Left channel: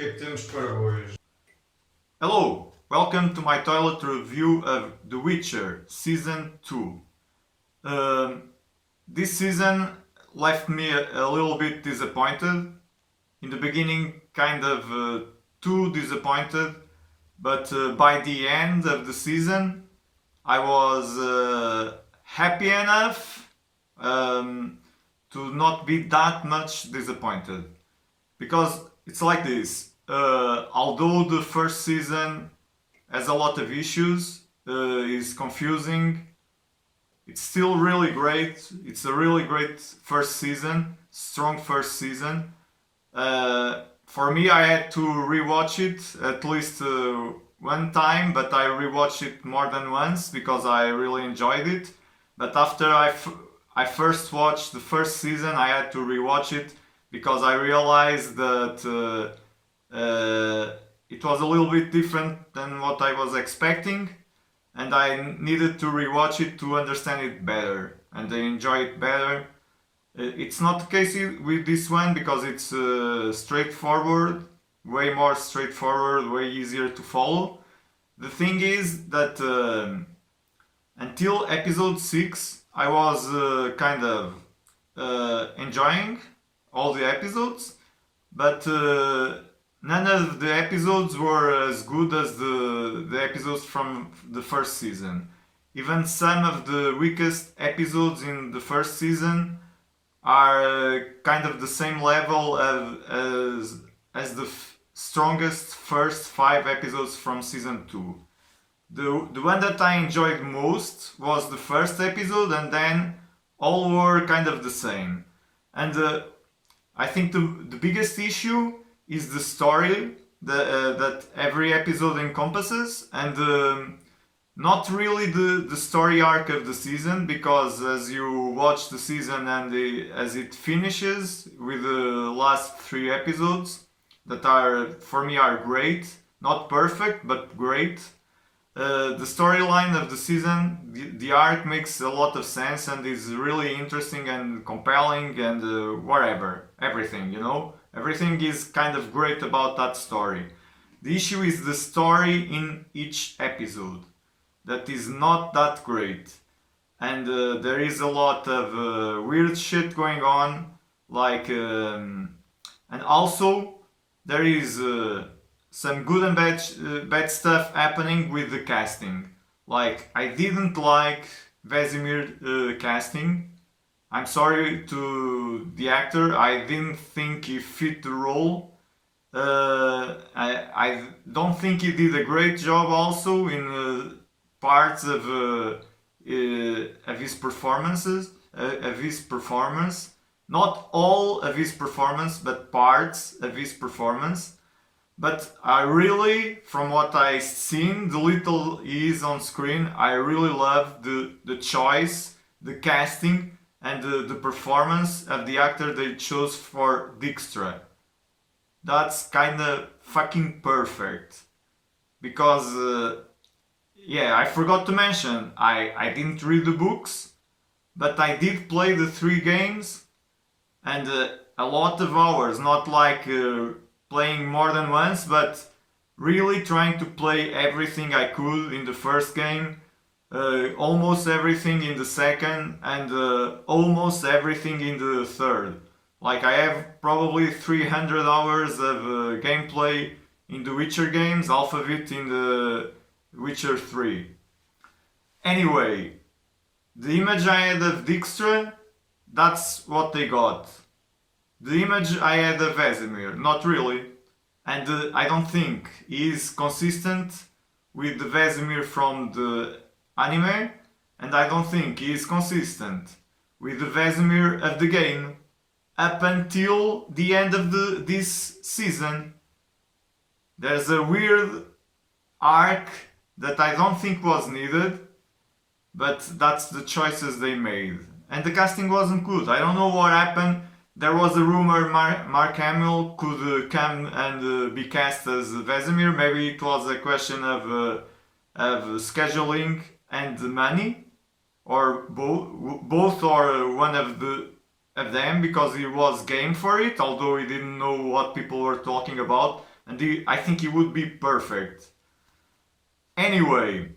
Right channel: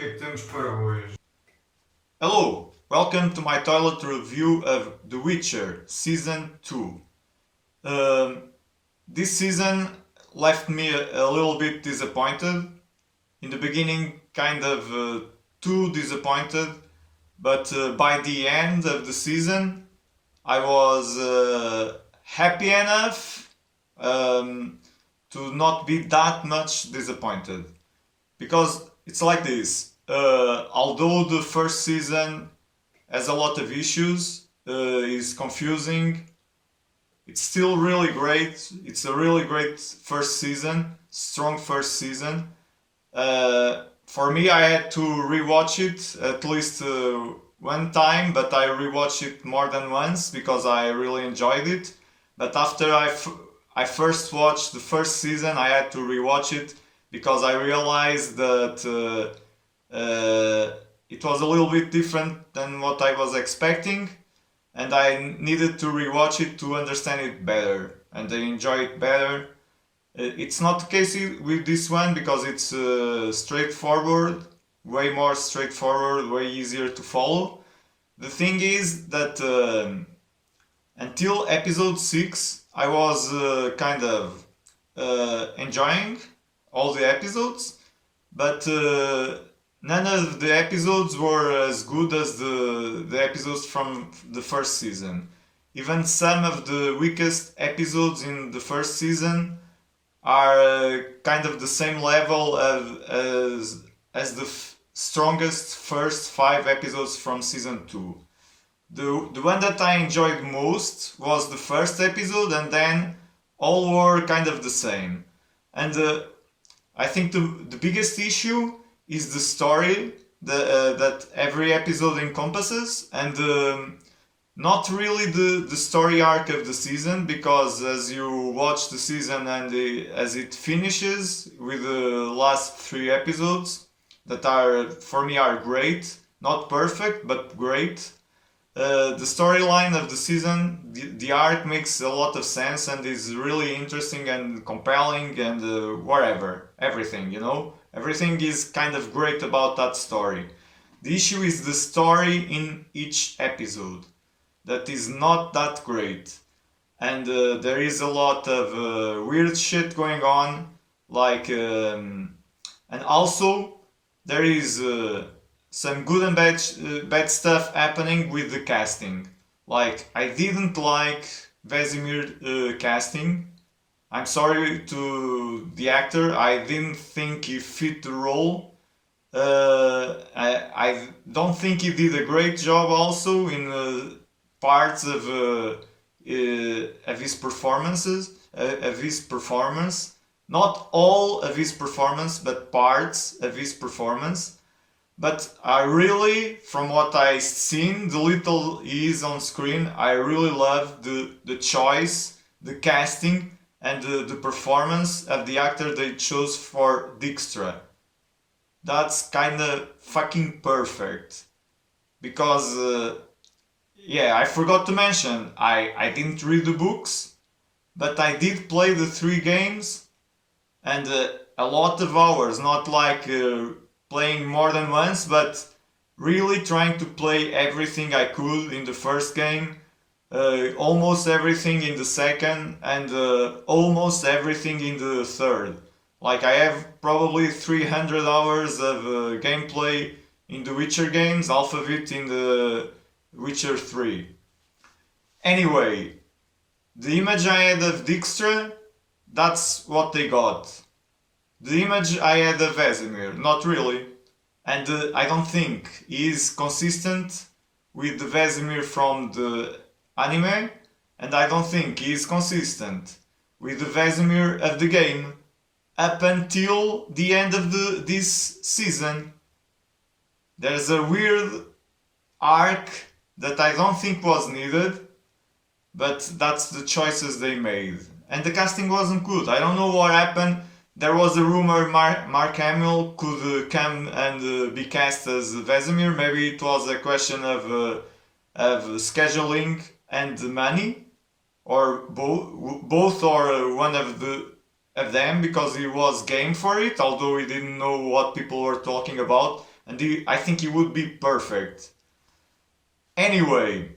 que é que temos para hoje? Hello, welcome to my toilet review of The Witcher Season 2. This season left me a little bit disappointed. In the beginning, kind of too disappointed, but by the end of the season, I was happy enough to not be that much disappointed. Because it's like this. Although the first season has a lot of issues, is confusing, it's still really great. It's a really great first season, strong first season. For me, I had to rewatch it at least one time, but I rewatched it more than once because I really enjoyed it. But after I first watched the first season, I had to rewatch it because I realized that it was a little bit different than what I was expecting, and I needed to rewatch it to understand it better and enjoy it better. It's not the case with this one because it's straightforward, way more straightforward, way easier to follow. The thing is that until episode 6, I was kind of enjoying all the episodes, but none of the episodes were as good as the episodes from the first season. Even some of the weakest episodes in the first season are kind of the same level as the strongest first 5 episodes from season 2. The one that I enjoyed most was the first episode, and then all were kind of the same. And I think the biggest issue is the story that every episode encompasses, and not really the story arc of the season, because as you watch the season and as it finishes with the last 3 episodes that are for me are great, not perfect but great. The storyline of the season, the arc makes a lot of sense and is really interesting and compelling and whatever, everything, everything is kind of great about that story. The issue is the story in each episode that is not that great, and there is a lot of weird shit going on, and also there is some good and bad stuff happening with the casting. Like, I didn't like Vesimir casting. I'm sorry to the actor. I didn't think he fit the role. I don't think he did a great job also in parts of his performances, of his performance. Not all of his performance, but parts of his performance. But I really, from what I've seen, the little he is on screen, I really love the choice, the casting, and the performance of the actor they chose for Dijkstra. That's kind of fucking perfect. Because, yeah, I forgot to mention, I didn't read the books, but I did play the 3 games, and a lot of hours, not like playing more than once, but really trying to play everything I could in the first game, almost everything in the second, and almost everything in the third. Like, I have probably 300 hours of gameplay in the Witcher games, half of it in the Witcher 3. Anyway, the image I had of Dijkstra, that's what they got. The image I had of Vesemir, not really. And I don't think he is consistent with the Vesemir from the anime, and I don't think he is consistent with the Vesemir of the game up until the end of this season. There's a weird arc that I don't think was needed, but that's the choices they made. And the casting wasn't good. I don't know what happened. There was a rumor Mark Hamill could come and be cast as Vesemir. Maybe it was a question of scheduling and money, or both or one of them, because he was game for it, although he didn't know what people were talking about and I think he would be perfect. Anyway,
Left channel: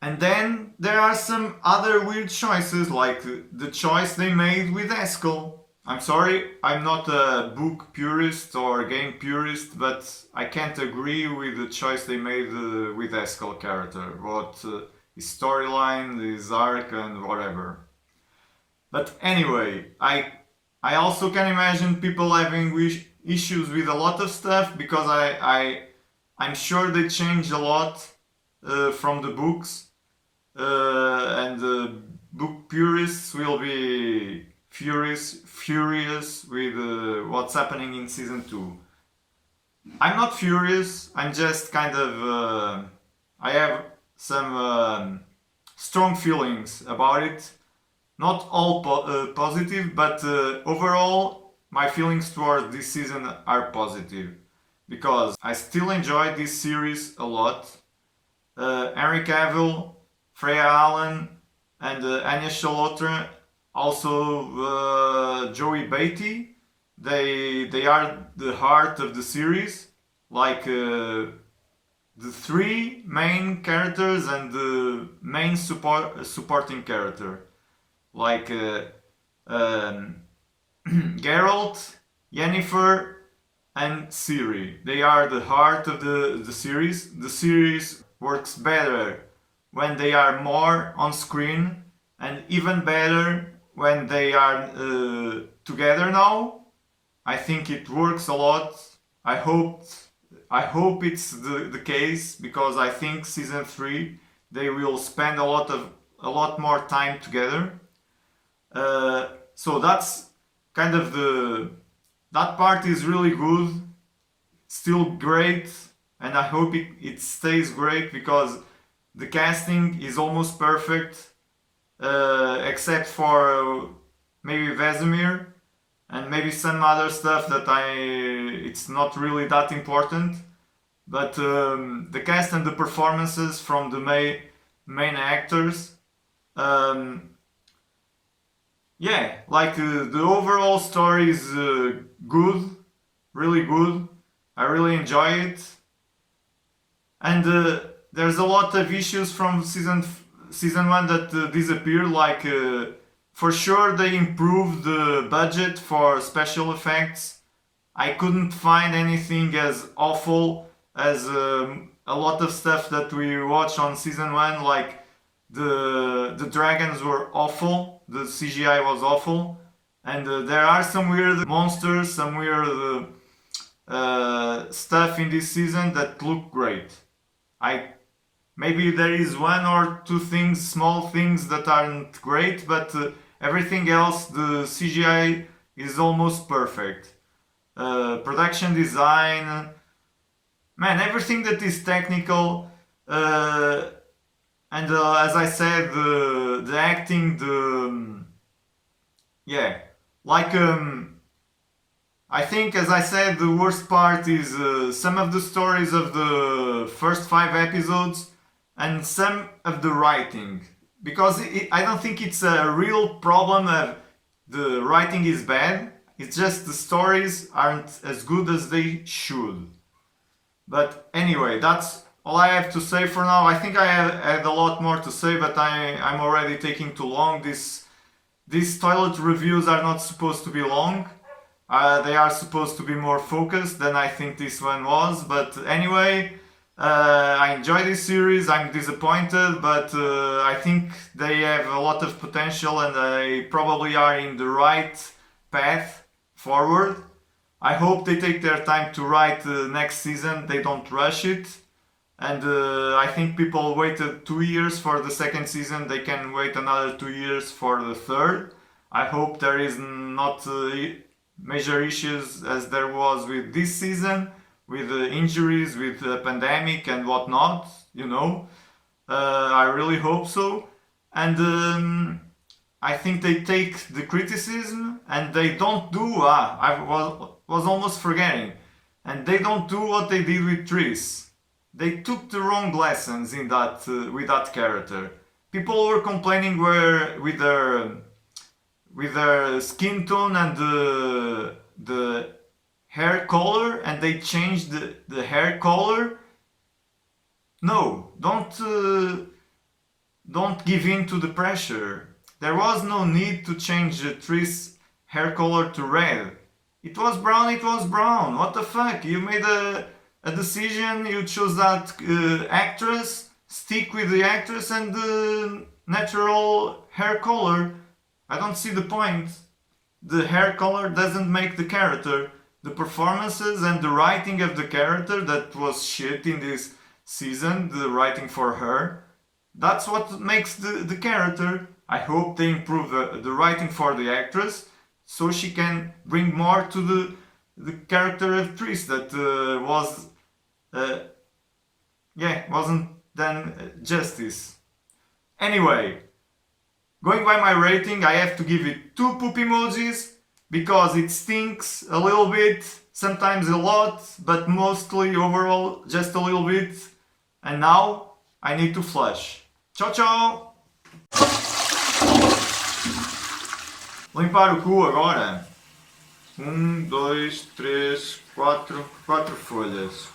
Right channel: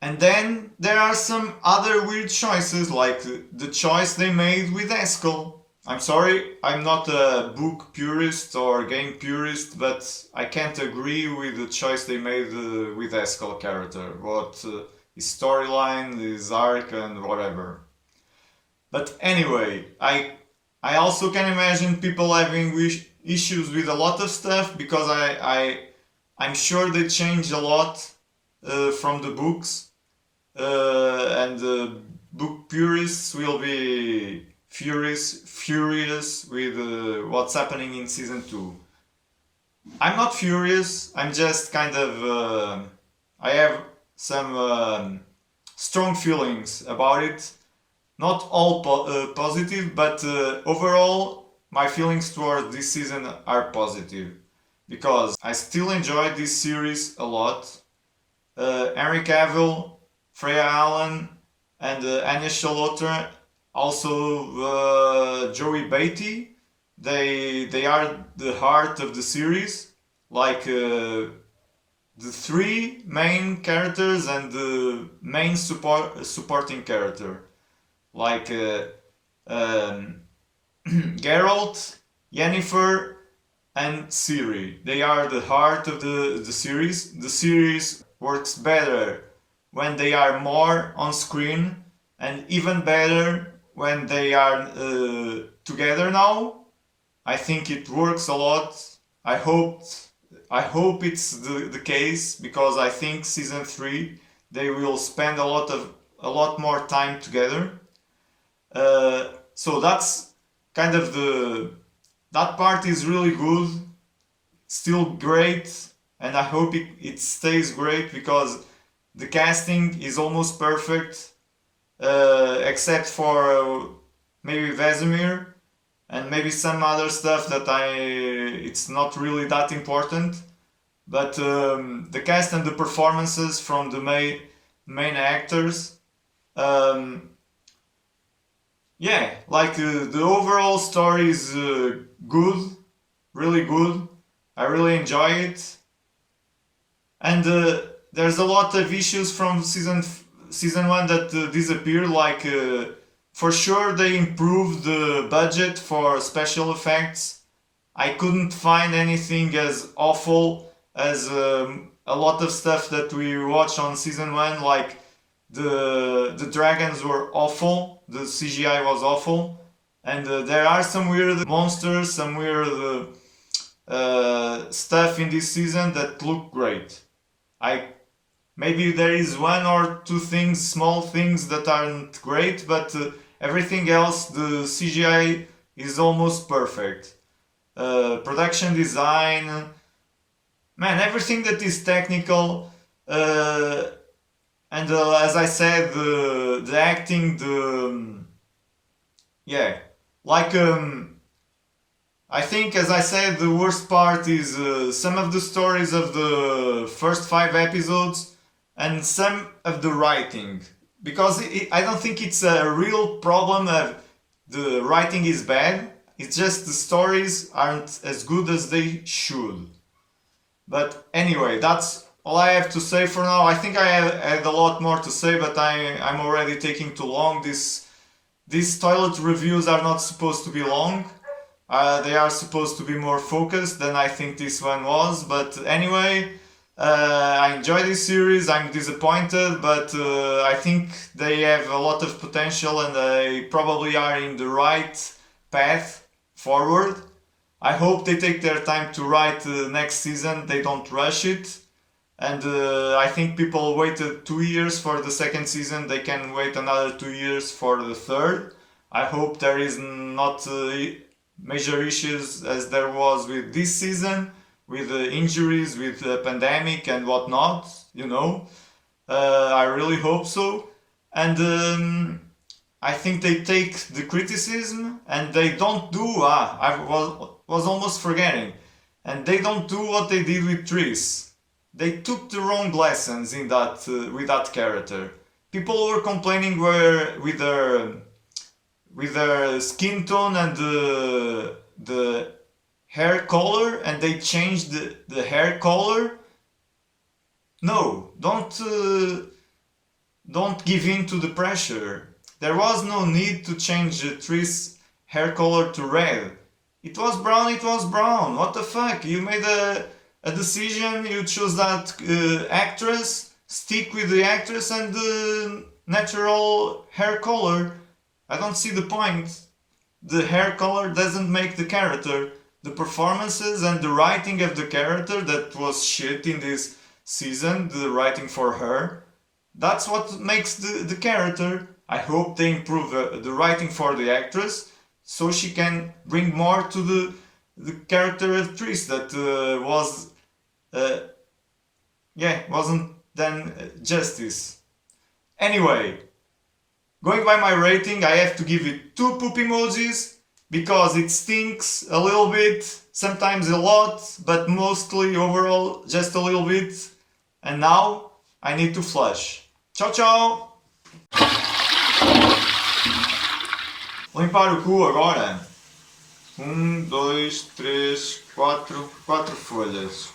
and then there are some other weird choices, like the choice they made with Eskel. I'm sorry, I'm not a book purist or game purist, but I can't agree with the choice they made with Eskel character. What his storyline, his arc, and whatever. But anyway, I also can imagine people having issues with a lot of stuff because I'm sure they changed a lot from the books, and book purists will be furious with what's happening in season 2. I'm not furious, I'm just kind of I have some strong feelings about it. Not all positive, but overall my feelings towards this season are positive because I still enjoy this series a lot. Henry Cavill, Freya Allen, and Anya Charlotte, also Joey Beatty. They are the heart of the series, like the three main characters and the main supporting character, like Geralt, Yennefer, and Ciri. They are the heart of the series. The series works better when they are more on screen, and even better when they are together now. I think it works a lot. I hope it's the case because I think season 3 they will spend a lot more time together. So that's kind of that part is really good, still great, and I hope it stays great because the casting is almost perfect, except for maybe Vesimir and maybe some other stuff that it's not really that important. But the cast and the performances from the main actors, yeah, like the overall story is good, really good. I really enjoy it, and there's a lot of issues from season 1 that disappeared. Like for sure they improved the budget for special effects. I couldn't find anything as awful as a lot of stuff that we watched on season 1. Like the dragons were awful, the CGI was awful, and there are some weird monsters, some weird stuff in this season that look great. Maybe there is one or two things, small things that aren't great, but everything else, the CGI is almost perfect. Production design, man, everything that is technical, and as I said, the acting, yeah, like I think, as I said, the worst part is some of the stories of the first 5 episodes and some of the writing, because I don't think it's a real problem of the writing is bad. It's just the stories aren't as good as they should. But anyway, that's all I have to say for now. I think I had a lot more to say, but I'm already taking too long. These toilet reviews are not supposed to be long. They are supposed to be more focused than I think this one was. But anyway, I enjoy this series. I'm disappointed, but I think they have a lot of potential and they probably are in the right path forward. I hope they take their time to write next season. They don't rush it. And I think people waited 2 years for the second season. They can wait another 2 years for the third. I hope there is not major issues as there was with this season, with injuries, with the pandemic and whatnot, you know. I really hope so. And I think they take the criticism and they don't do, I was almost forgetting, and they don't do what they did with Triss. They took the wrong lessons in that with that character. People were complaining with their skin tone and the hair color and they changed the hair color. No, don't give in to the pressure. There was no need to change Triss' hair color to red. It was brown, it was brown. What the fuck? You made a decision, you choose that actress, stick with the actress and the natural hair color. I don't see the point. The hair color doesn't make the character. The performances and the writing of the character that was shit in this season, the writing for her, that's what makes the character. I hope they improve the writing for the actress so she can bring more to the character of Triss that wasn't done justice. Anyway, going by my rating, I have to give it 2 poop emojis because it stinks a little bit, sometimes a lot, but mostly overall just a little bit. And now I need to flush. Tchau, tchau! Limpar o cu agora. 1, 2, 3, 4 folhas.